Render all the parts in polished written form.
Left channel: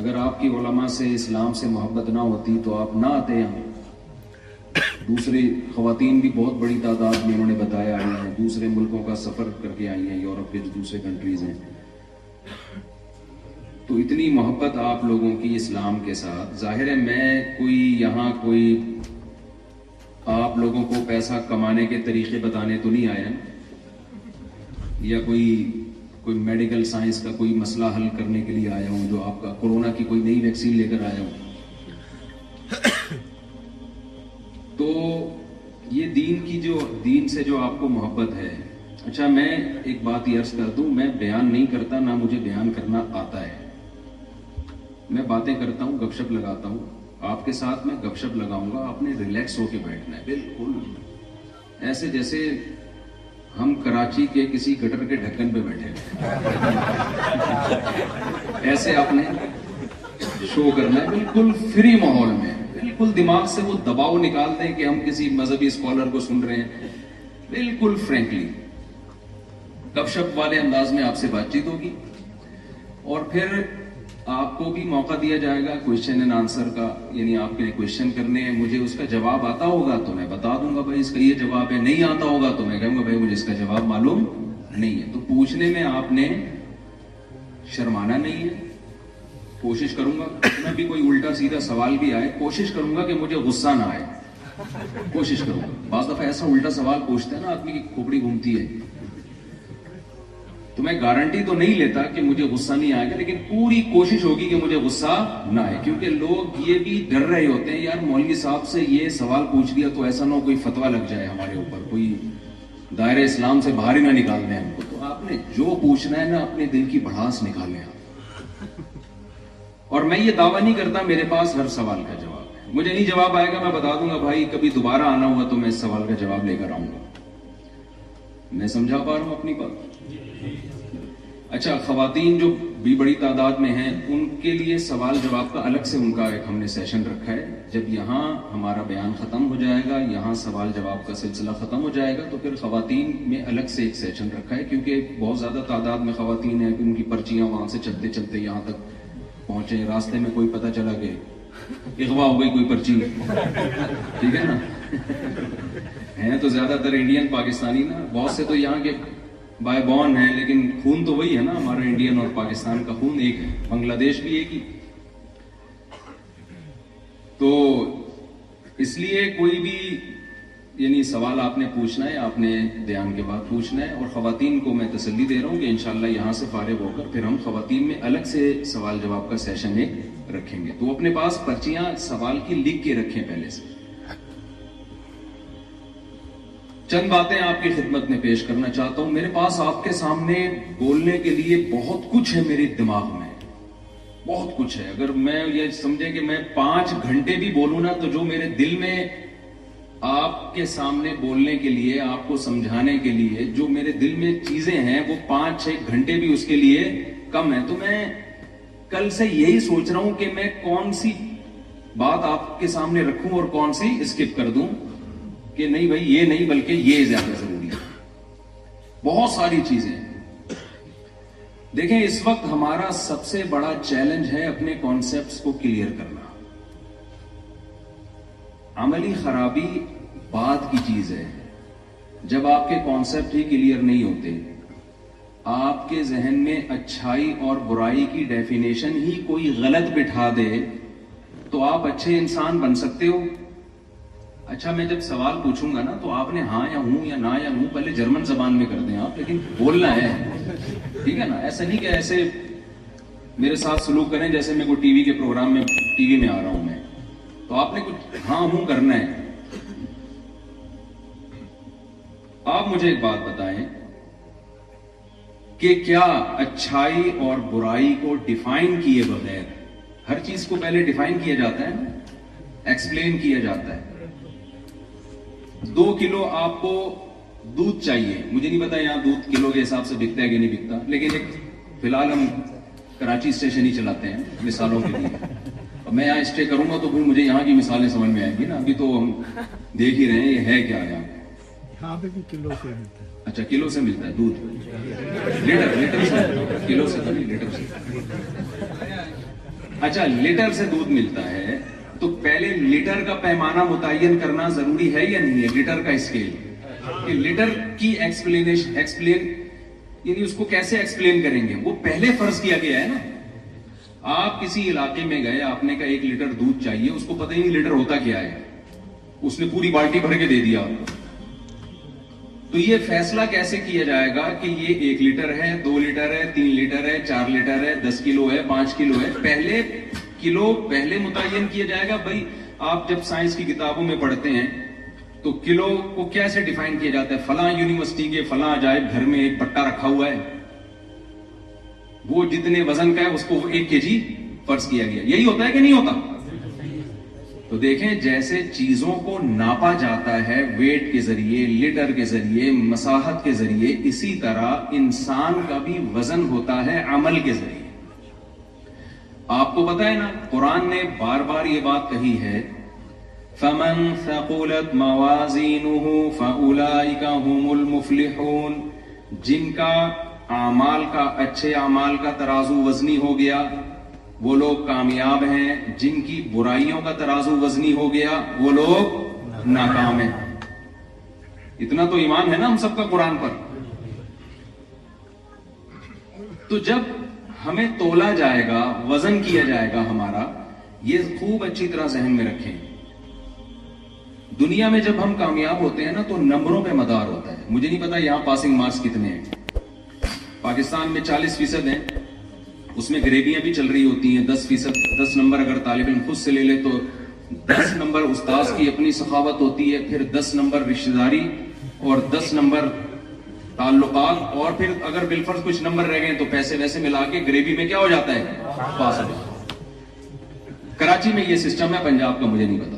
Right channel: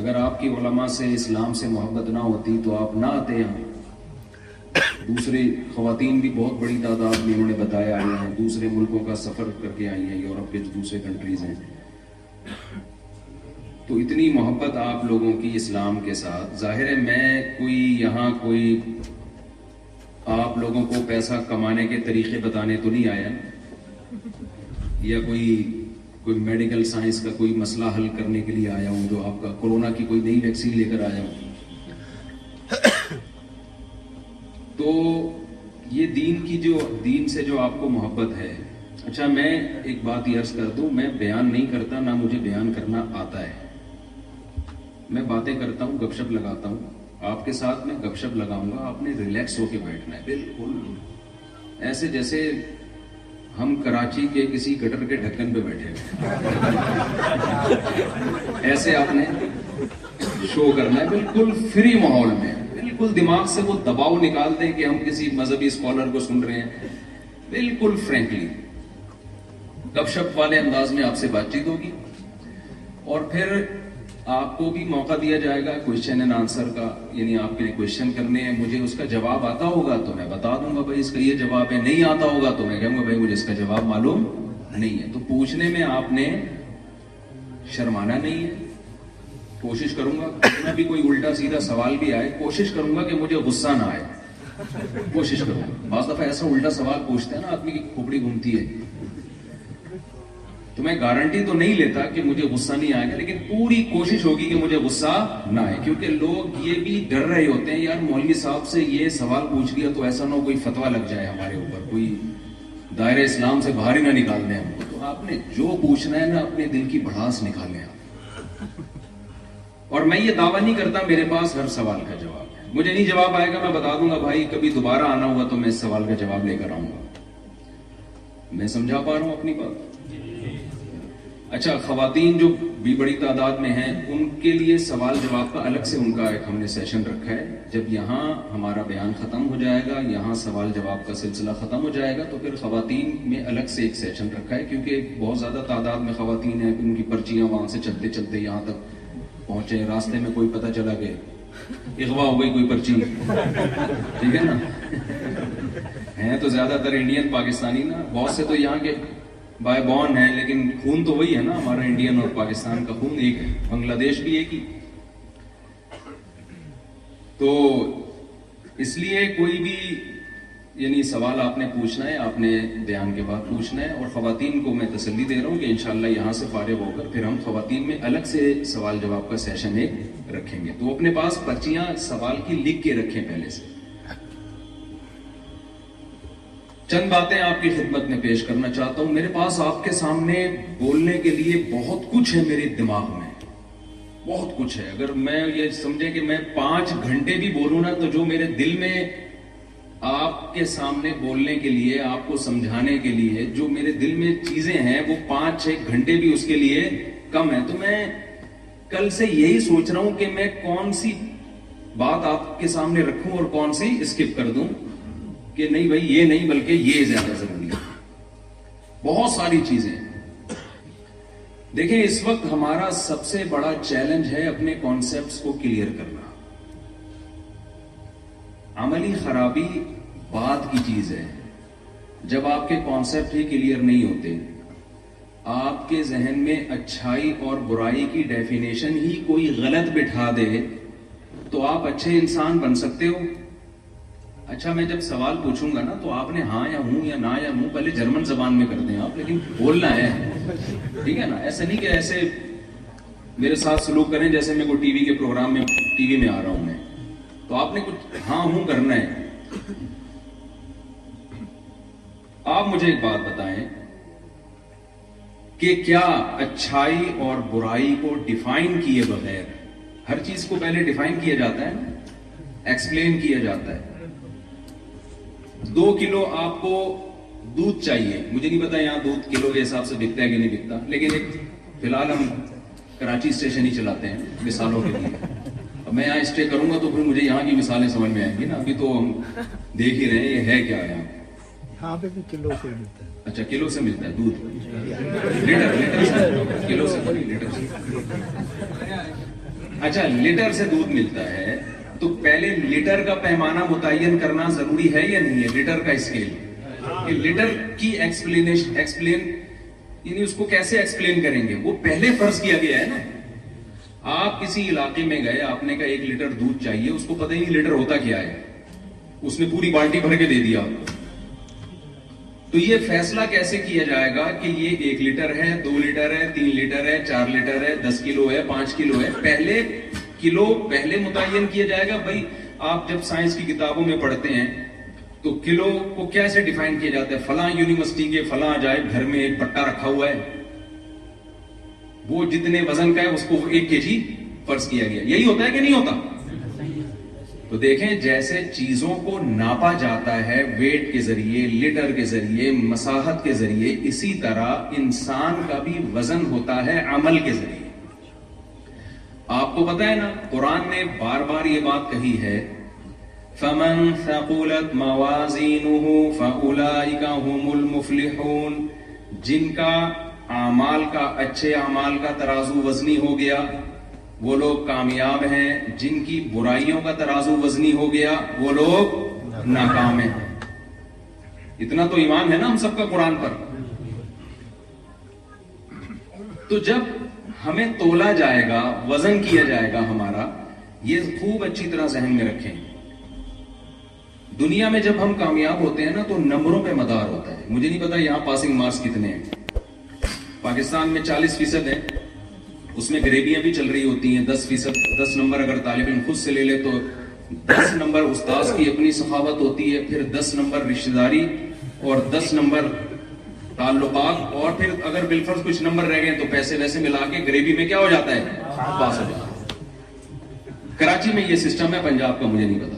اگر آپ کی علماء سے اسلام سے محبت نہ ہوتی تو آپ نہ آتے یہاں. دوسری خواتین بھی بہت بڑی تعداد میں انہوں نے بتایا آئی ہیں, دوسرے ملکوں کا سفر کر کے آئی ہیں, یورپ کے جو دوسرے کنٹریز ہیں. تو اتنی محبت آپ لوگوں کی اسلام کے ساتھ. ظاہر ہے میں کوئی یہاں کوئی آپ لوگوں کو پیسہ کمانے کے طریقے بتانے تو نہیں آیا, یا کوئی میڈیکل سائنس کا کوئی مسئلہ حل کرنے کے لیے آیا ہوں, جو آپ کا کورونا کی کوئی نئی ویکسین لے کر آیا ہوں. تو یہ دین سے جو آپ کو محبت ہے. اچھا میں ایک بات یہ عرض کر دوں, میں بیان نہیں کرتا, نہ مجھے بیان کرنا آتا ہے. میں باتیں کرتا ہوں, گپ شپ لگاتا ہوں. آپ کے ساتھ میں گپ شپ لگاؤں گا, آپ نے ریلیکس ہو کے بیٹھنا ہے, بالکل ایسے جیسے ہم کراچی کے کسی گٹر کے ڈھکن پہ بیٹھے ہوئے, ایسے آپ نے شو کرنا ہے, بالکل فری ماحول میں. بالکل دماغ سے وہ دباؤ نکال دیں کہ ہم کسی مذہبی اسکالر کو سن رہے ہیں. بالکل فرینکلی گپ شپ والے انداز میں آپ سے بات چیت ہوگی, اور پھر آپ کو بھی موقع دیا جائے گا کوشچن اینڈ آنسر کا. یعنی آپ کے کوشچن کرنے ہیں, مجھے اس کا جواب آتا ہوگا تو میں بتا دوں گا بھائی اس کا یہ جواب ہے, نہیں آتا ہوگا تو میں کہوں گا بھائی مجھے اس کا جواب معلوم نہیں ہے. تو پوچھنے میں آپ نے شرمانا نہیں ہے. کوشش کروں گا کتنا بھی کوئی الٹا سیدھا سوال بھی آئے, کوشش کروں گا کہ مجھے غصہ نہ آئے, کوشش کروں گا. بعض دفعہ ایسا الٹا سوال پوچھتے ہیں نا آدمی کی کھوپڑی گھومتی ہے, تو میں گارنٹی تو نہیں لیتا کہ مجھے غصہ نہیں آئے گا, لیکن پوری کوشش ہوگی کہ مجھے غصہ نہ آئے. کیونکہ لوگ یہ بھی ڈر رہے ہوتے ہیں یار مولوی صاحب سے یہ سوال پوچھ لیا تو ایسا نہ کوئی فتویٰ لگ جائے ہمارے اوپر, کوئی دائرہ اسلام سے باہر ہی نہ نکال دیں ہم کو. تو آپ نے جو پوچھنا ہے نا اپنے دل کی بھڑاس نکالیں آپ. اور میں یہ دعویٰ نہیں کرتا میرے پاس ہر سوال کا جواب ہے. مجھے نہیں جواب آئے گا میں بتا دوں گا بھائی کبھی دوبارہ آنا ہوا تو میں اس سوال کا جواب لے کر آؤں گا. میں سمجھا پا رہا ہوں اپنی بات. اچھا خواتین جو بھی بڑی تعداد میں ہیں ان کے لیے سوال جواب کا الگ سے ان کا ایک ہم نے سیشن رکھا ہے. جب یہاں ہمارا بیان ختم ہو جائے گا, یہاں سوال جواب کا سلسلہ ختم ہو جائے گا, تو پھر خواتین میں الگ سے ایک سیشن رکھا ہے. کیونکہ بہت زیادہ تعداد میں خواتین ہیں, ان کی پرچیاں وہاں سے چلتے چلتے یہاں تک پہنچے, راستے میں کوئی پتہ چلا کہ اغوا ہو گئی کوئی پرچی, ٹھیک ہے نا. ہیں تو زیادہ تر انڈین پاکستانی نا, بہت سے تو یہاں کے بائی بورن ہیں, لیکن خون تو وہی ہے نا ہمارا, انڈین اور پاکستان کا خون ایک ہے, بنگلہ دیش بھی ایک ہی. تو اس لیے کوئی بھی یعنی سوال آپ نے پوچھنا ہے, آپ نے بیان کے بعد پوچھنا ہے. اور خواتین کو میں تسلی دے رہا ہوں کہ انشاءاللہ یہاں سے فارغ ہو کر پھر ہم خواتین میں الگ سے سوال جواب کا سیشن ایک رکھیں گے. تو اپنے پاس پرچیاں سوال کی لکھ کے رکھیں پہلے سے. چند باتیں آپ کی خدمت میں پیش کرنا چاہتا ہوں. میرے پاس آپ کے سامنے بولنے کے لیے بہت کچھ ہے, میرے دماغ میں بہت کچھ ہے. اگر میں یہ سمجھے کہ میں 5 گھنٹے بھی بولوں نا, تو جو میرے دل میں آپ کے سامنے بولنے کے لیے, آپ کو سمجھانے کے لیے جو میرے دل میں چیزیں ہیں, وہ 5-6 گھنٹے بھی اس کے لیے کم ہے. تو میں کل سے یہی سوچ رہا ہوں کہ میں کون سی بات آپ کے سامنے رکھوں اور کون سی اسکپ کر دوں, کہ نہیں بھائی یہ نہیں بلکہ یہ زیادہ ضروری ہے. بہت ساری چیزیں. دیکھیں اس وقت ہمارا سب سے بڑا چیلنج ہے اپنے کانسیپٹس کو کلیئر کرنا. عملی خرابی بعد کی چیز ہے. جب آپ کے کانسیپٹ ہی کلیئر نہیں ہوتے, آپ کے ذہن میں اچھائی اور برائی کی ڈیفینیشن ہی کوئی غلط بٹھا دے, تو آپ اچھے انسان بن سکتے ہو. اچھا میں جب سوال پوچھوں گا نا تو آپ نے ہاں یا ہوں یا نہ یا ہوں پہلے جرمن زبان میں کر دیں آپ, لیکن بولنا ہے, ٹھیک ہے نا. ایسا نہیں کہ ایسے میرے ساتھ سلوک کریں جیسے میں کوئی ٹی وی کے پروگرام میں ٹی وی میں آ رہا ہوں میں. تو آپ نے کچھ ہاں ہوں کرنا ہے. آپ مجھے ایک بات بتائیں کہ کیا اچھائی اور برائی کو ڈیفائن کیے بغیر, ہر چیز کو پہلے ڈیفائن کیا جاتا ہے, ایکسپلین کیا جاتا ہے. 2 کلو آپ کو دودھ چاہیے, مجھے نہیں پتا یہاں دودھ کلو کے حساب سے بکتا ہے کہ نہیں بکتا, لیکن ایک فی الحال ہم کراچی اسٹیشن ہی چلاتے ہیں مثالوں کے لیے. اب میں یہاں اسٹے کروں گا تو پھر مجھے یہاں کی مثالیں سمجھ میں آئیں گی نا. ابھی تو ہم دیکھ ہی رہے ہیں یہ ہے کیا یہاں. ہاں پہ بھی کلو سے ملتا ہے. اچھا کلو سے ملتا ہے دودھ, لیٹر سے, کلو سے تو نہیں, لیٹر سے. اچھا لیٹر سے دودھ ملتا ہے تو پہلے لیٹر کا پیمانہ متعین کرنا ضروری ہے یا نہیں ہے؟ لیٹر کا اسکیل کہ لیٹر کی ایکسپلین یعنی اس کو کیسے ایکسپلین کریں گے؟ وہ پہلے فرض کیا گیا ہے نا. آپ کسی علاقے میں گئے, آپ نے کہا 1 لیٹر دودھ چاہیے, اس کو پتہ ہی نہیں لیٹر ہوتا کیا ہے, اس نے پوری بالٹی بھر کے دے دیا. تو یہ فیصلہ کیسے کیا جائے گا کہ یہ 1 لیٹر ہے, 2 لیٹر ہے, 3 لیٹر ہے, 4 لیٹر ہے, 10 کلو ہے, 5 کلو ہے؟ پہلے کلو پہلے متعین کیا جائے گا. بھائی آپ جب سائنس کی کتابوں میں پڑھتے ہیں تو کلو کو کیسے ڈیفائن کیا جاتا ہے؟ فلاں یونیورسٹی کے فلاں عجائب گھر میں ایک پٹا رکھا ہوا ہے, وہ جتنے وزن کا ہے اس کو 1 kg فرض کیا گیا. یہی ہوتا ہے کہ نہیں ہوتا؟ تو دیکھیں جیسے چیزوں کو ناپا جاتا ہے ویٹ کے ذریعے, لیٹر کے ذریعے, مساحت کے ذریعے, اسی طرح انسان کا بھی وزن ہوتا ہے عمل کے ذریعے. آپ کو پتا ہے نا, قرآن نے بار بار یہ بات کہی ہے, فَمَنْ ثَقُلَتْ مَوَازِينُهُ فَأُولَئِكَ هُمُ الْمُفْلِحُونَ. جن کا اعمال کا, اچھے اعمال کا ترازو وزنی ہو گیا وہ لوگ کامیاب ہیں, جن کی برائیوں کا ترازو وزنی ہو گیا وہ لوگ ناکام ہیں. اتنا تو ایمان ہے نا ہم سب کا قرآن پر. تو جب ہمیں تولا جائے گا, وزن کیا جائے گا ہمارا, یہ خوب اچھی طرح ذہن میں رکھیں. دنیا میں جب ہم کامیاب ہوتے ہیں نا تو نمبروں پہ مدار ہوتا ہے. مجھے نہیں پتا یہاں پاسنگ مارکس کتنے ہیں. پاکستان میں 40% ہیں, اس میں گریبیاں بھی چل رہی ہوتی ہیں. 10 نمبر اگر طالب علم خود سے لے لے تو 10 نمبر استاذ کی اپنی سخاوت ہوتی ہے, پھر 10 نمبر رشتہ داری, اور 10 نمبر تعلقات, اور پھر اگر بالفرض کچھ نمبر رہ گئے تو پیسے ویسے ملا کے گریبی میں کیا ہو جاتا ہے, پاس ہو جاتا ہے. کراچی میں یہ سسٹم ہے, پنجاب کا مجھے نہیں پتا.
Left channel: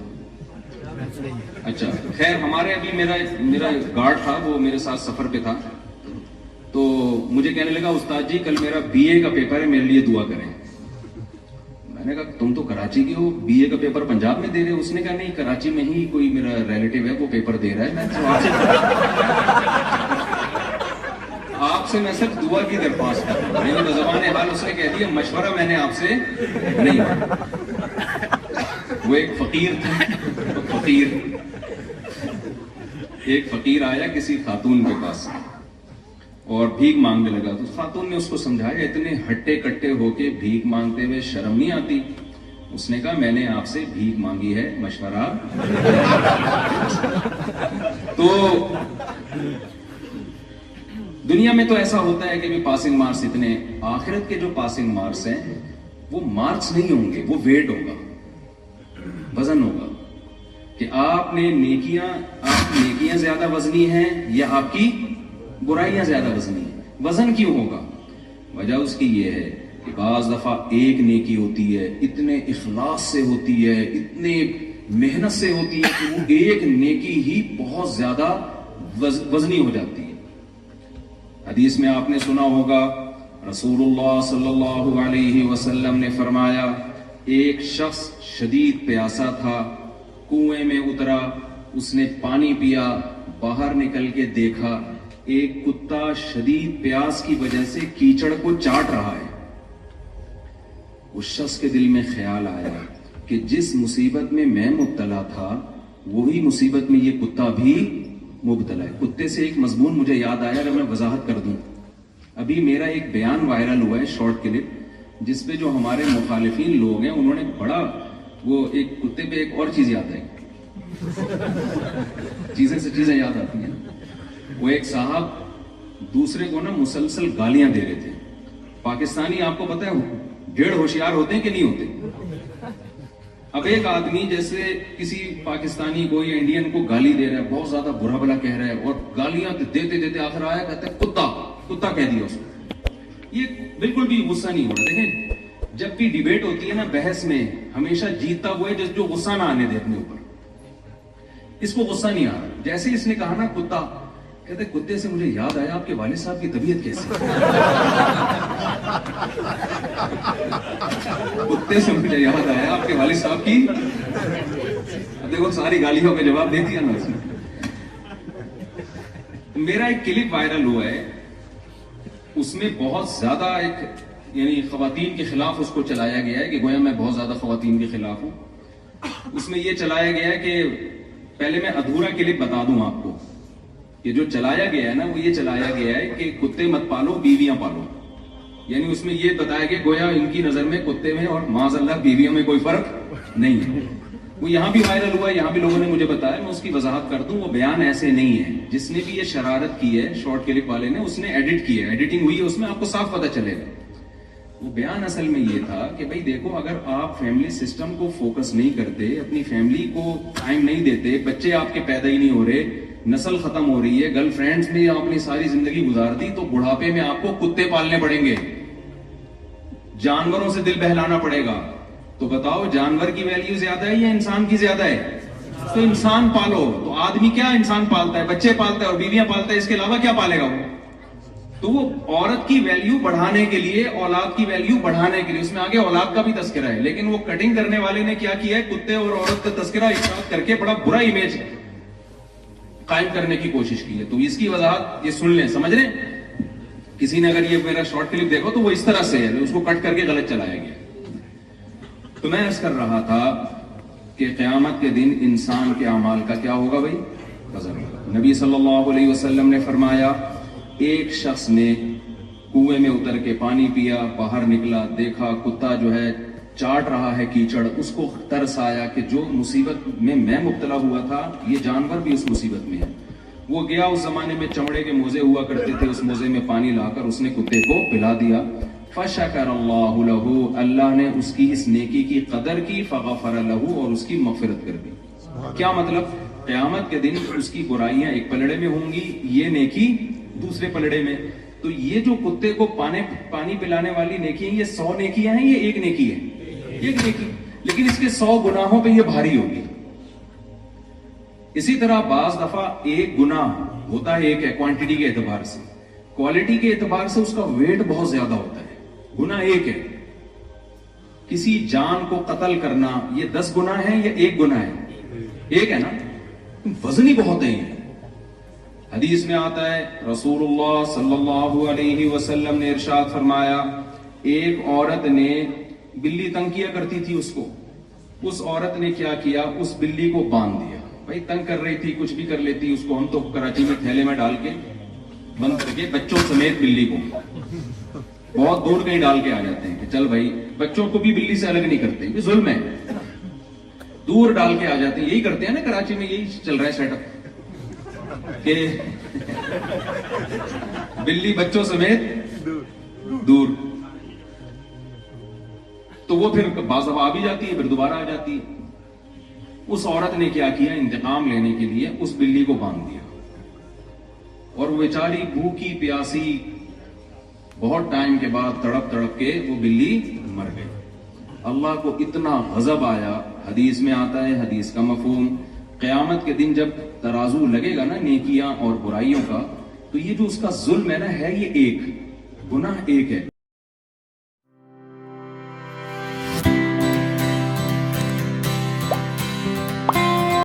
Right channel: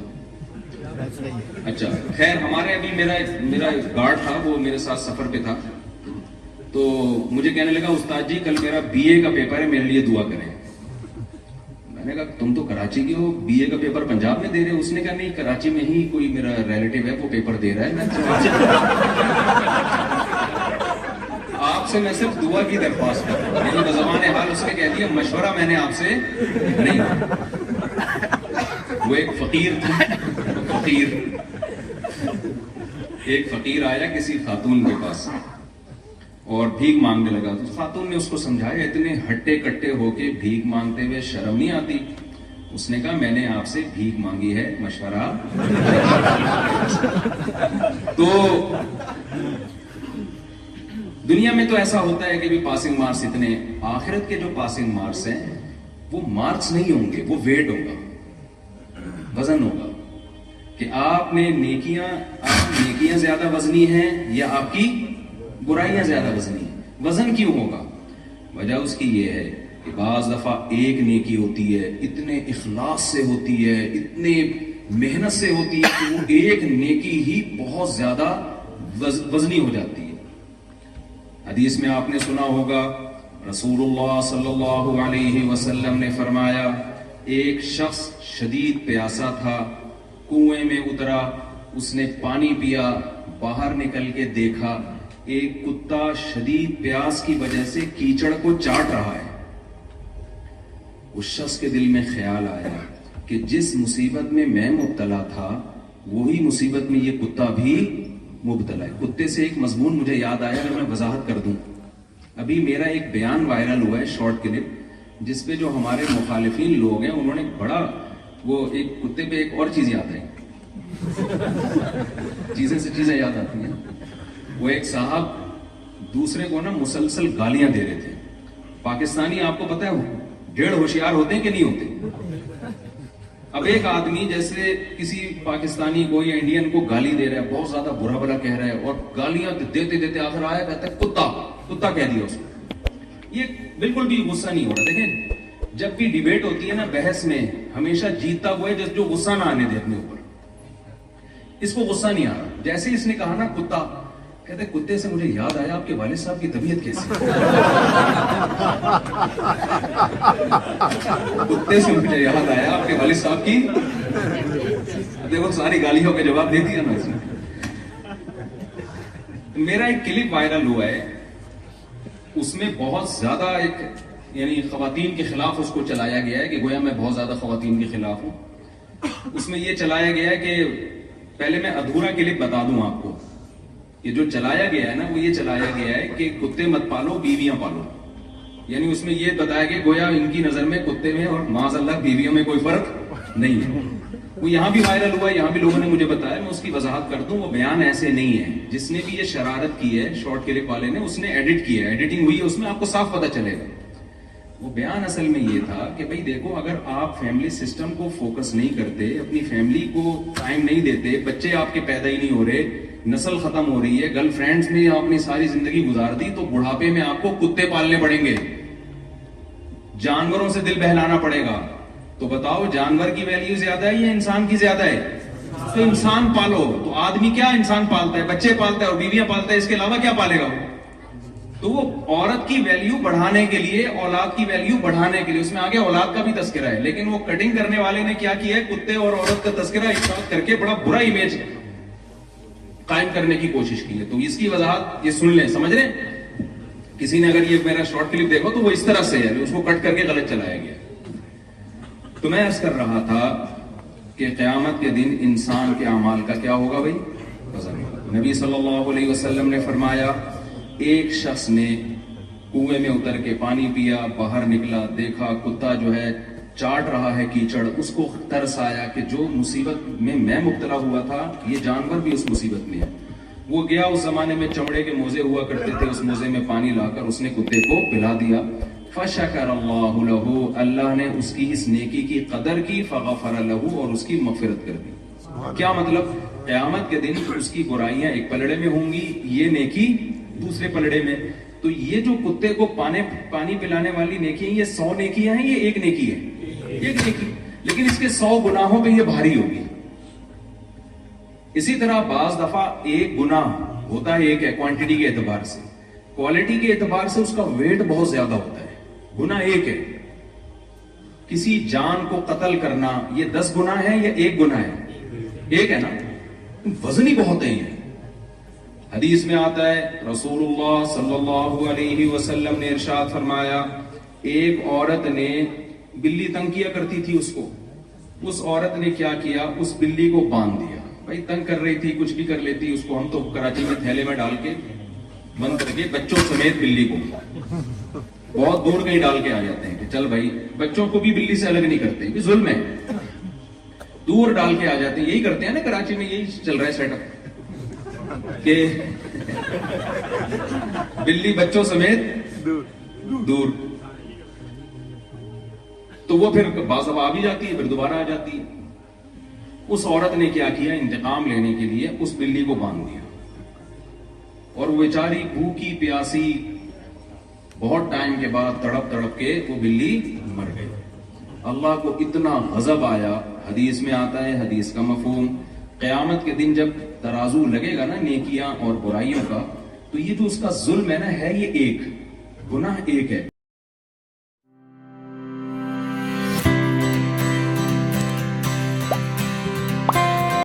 اچھا خیر, ہمارے ابھی میرا گارڈ تھا, وہ میرے ساتھ سفر پہ تھا, تو مجھے کہنے لگا استاد جی کل میرا BA کا پیپر ہے, میرے لیے دعا کریں. میں نے کہا تم تو کراچی کے ہو, BA کا پیپر پنجاب میں دے رہے ہو؟ اس نے کہا نہیں, کراچی میں ہی کوئی میرا ریلیٹیو ہے وہ پیپر دے رہا ہے, آپ سے میں صرف دعا کی درخواست ہے. میری بزبان حال اس نے کہہ دیا مشورہ میں نے آپ سے نہیں. وہ ایک فقیر تھا, ایک فقیر آیا کسی خاتون کے پاس اور بھیک مانگنے لگا. تو خاتون نے اس کو سمجھایا, اتنے ہٹے کٹے ہو کے بھیک مانگتے ہوئے شرم نہیں آتی؟ اس نے کہا میں نے آپ سے بھیک مانگی ہے, مشورہ. تو دنیا میں تو ایسا ہوتا ہے کہ بھی پاسنگ مارکس اتنے. آخرت کے جو پاسنگ مارکس ہیں وہ مارکس نہیں ہوں گے, وہ ویٹ ہوگا, وزن ہوگا, کہ آپ نے نیکیاں زیادہ وزنی ہیں یا آپ کی برائیاں زیادہ وزنی ہیں. وزن کیوں ہوگا؟ وجہ اس کی یہ ہے کہ بعض دفعہ ایک نیکی ہوتی ہے, اتنے اخلاص سے ہوتی ہے, اتنے محنت سے ہوتی ہے کہ وہ ایک نیکی ہی بہت زیادہ وزنی ہو جاتی ہے. حدیث میں آپ نے سنا ہوگا رسول اللہ صلی اللہ علیہ وسلم نے فرمایا, ایک شخص شدید پیاسا تھا, کنویں میں اترا, اس نے پانی پیا, باہر نکل کے دیکھا ایک کتا شدید پیاس کی وجہ سے کیچڑ کو چاٹ رہا ہے. اس شخص کے دل میں خیال آیا کہ جس مصیبت میں میں مبتلا تھا وہی مصیبت میں یہ کتا بھی مبتلا ہے. کتے سے ایک مضمون مجھے یاد آیا, اگر میں وضاحت کر دوں. ابھی میرا ایک بیان وائرل ہوا ہے, شارٹ کلپ, جس پہ جو ہمارے مخالفین لوگ ہیں انہوں نے بڑا, وہ ایک کتے پہ ایک اور چیز یاد ہے, چیزیں سے چیزیں یاد آتی ہیں. وہ ایک صاحب دوسرے کو نا مسلسل گالیاں دے رہے تھے. پاکستانی آپ کو پتا ہے 1.5 ہوشیار ہوتے ہیں کہ نہیں ہوتے؟ اب ایک آدمی جیسے کسی پاکستانی کو یا انڈین کو گالی دے رہا ہے, بہت زیادہ برا بلا کہہ رہا ہے, اور گالیاں دیتے دیتے آخر آیا کہتا ہے کتا کہہ دیا اس کو. یہ بالکل بھی غصہ نہیں ہو رہا. دیکھیں جب بھی ڈیبیٹ ہوتی ہے نا, بحث میں ہمیشہ جیتتا ہوا ہے جو غصہ نہ آنے دے اپنے اوپر. اس کو غصہ نہیں آ رہا. جیسے اس نے کہا نا کتا, کہتے کتے سے مجھے یاد آیا آپ کے والد صاحب کی طبیعت کیسی ہے. کتے سے مجھے یاد آیا آپ کے والد صاحب کی. دیکھو ساری گالیوں کا جواب دے دیا نا اس نے. میرا ایک کلپ وائرل ہوا ہے, اس میں بہت زیادہ ایک یعنی خواتین کے خلاف اس کو چلایا گیا ہے کہ گویا میں بہت زیادہ خواتین کے خلاف ہوں. اس میں یہ چلایا گیا ہے کہ پہلے میں ادھورا کلپ بتا دوں آپ کو کہ جو چلایا گیا ہے نا وہ یہ چلایا گیا ہے کہ کتے مت پالو بیویاں پالو. یعنی اس میں یہ بتایا کہ گویا ان کی نظر میں کتے میں اور معاذ اللہ بیویوں میں کوئی فرق نہیں ہے. وہ یہاں بھی وائرل ہوا ہے, یہاں بھی لوگوں نے مجھے بتایا, میں اس کی وضاحت کر دوں. وہ بیان ایسے نہیں ہے. جس نے بھی یہ شرارت کی ہے شارٹ کلپ والے نے, اس نے ایڈٹ کیا ہے, ایڈیٹنگ ہوئی ہے, اس میں آپ کو صاف پتہ چلے گا. وہ بیان اصل میں یہ تھا کہ بھئی دیکھو, اگر آپ فیملی سسٹم کو فوکس نہیں کرتے, اپنی فیملی کو ٹائم نہیں دیتے, بچے آپ کے پیدا ہی نہیں ہو رہے, نسل ختم ہو رہی ہے, گرل فرینڈز میں آپ نے ساری زندگی گزار دی, تو بڑھاپے میں آپ کو کتے پالنے پڑیں گے, جانوروں سے دل بہلانا پڑے گا. تو بتاؤ جانور کی ویلیو زیادہ ہے یا انسان کی زیادہ ہے؟ تو انسان پالو. تو آدمی کیا انسان پالتا ہے, بچے پالتا ہے اور بیویاں پالتا ہے, اس کے علاوہ کیا پالے گا وہ؟ تو وہ عورت کی ویلیو بڑھانے کے لیے, اولاد کی ویلیو بڑھانے کے لیے, اس میں آگے اولاد کا بھی تذکرہ ہے, لیکن وہ کٹنگ کرنے والے نے کیا کیا ہے, کتے اور عورت کا تذکرہ ایک ساتھ کر کے بڑا برا امیج قائم کرنے کی کوشش کی ہے. تو اس کی وضاحت یہ سن لیں, سمجھ رہے ہیں؟ کسی نے اگر یہ میرا شارٹ کلپ دیکھو تو وہ اس طرح سے ہے, اس کو کٹ کر کے غلط چلایا گیا. تو میں عرض کر رہا تھا کہ قیامت کے دن انسان کے اعمال کا کیا ہوگا بھائی, وزن ہوگا. نبی صلی اللہ علیہ وسلم نے فرمایا, ایک شخص نے کنویں میں اتر کے پانی پیا, باہر نکلا, دیکھا کتا جو ہے چاٹ رہا ہے کیچڑ, اس کو ترس آیا کہ جو مصیبت میں مبتلا ہوا تھا یہ جانور بھی اس مصیبت میں ہے. وہ گیا, اس زمانے میں چمڑے کے موزے ہوا کرتے تھے, اس موزے میں پانی لا کر اس نے کتے کو پلا دیا. فشکر اللہ لہ, اللہ نے اس کی اس نیکی کی قدر کی, فغفر لہ, اور اس کی مغفرت کر دی. کیا مطلب؟ قیامت کے دن اس کی برائیاں ایک پلڑے میں ہوں گی, یہ نیکی دوسرے پلڑے میں. تو یہ جو کتے کو پانی پلانے والی نیکی ہیں, یہ 100 نیکیاں ہیں, یہ ایک نیکی ہے, ایک نیکی, لیکن اس کے 100 گناہوں پہ یہ بھاری ہوگی. اسی طرح بعض دفعہ ایک گناہ ہوتا ہے ایک ہے کوانٹٹی کے اعتبار سے, کوالٹی کے اعتبار سے اس کا ویٹ بہت زیادہ ہوتا ہے. گناہ ایک ہے, کسی جان کو قتل کرنا یہ 10 گناہ ہے یا ایک گناہ ہے؟ ایک ہے نا, وزن ہی بہت ہے. یہ حدیث میں آتا ہے, رسول اللہ صلی اللہ علیہ وسلم نے ارشاد فرمایا, ایک عورت نے بلی تنگ کیا کرتی تھی اس کو, اس عورت نے کیا کیا, اس بلی کو باندھ دیا. بھائی تنگ کر رہی تھی, کچھ بھی کر لیتی, اس کو ہم تو کراچی میں تھیلے میں ڈال کے بند کر کے, بچوں سمیت بلی کو بہت دور کہیں ڈال کے آ جاتے ہیں کہ چل بھائی, بچوں کو بھی بلی سے الگ نہیں کرتے, یہ ظلم ہے, دور ڈال کے آ جاتے ہیں. یہی کرتے ہیں نا کراچی میں, یہی چل رہا ہے سیٹ اپ کہ بلی بچوں سمیت دور. تو وہ پھر بعض دفعہ آ بھی جاتی ہے, پھر دوبارہ آ جاتی ہے. اس عورت نے کیا کیا, انتقام لینے کے لیے اس بلی کو باندھ دیا, اور وہ بیچاری بھوکی پیاسی بہت ٹائم کے بعد تڑپ تڑپ کے وہ بلی مر گئی. اللہ کو اتنا غضب آیا. حدیث میں آتا ہے, حدیث کا مفہوم, قیامت کے دن جب ترازو لگے گا نا نیکیاں اور برائیوں کا, تو یہ جو اس کا ظلم ہے نا, ہے یہ ایک گناہ, ایک ہے.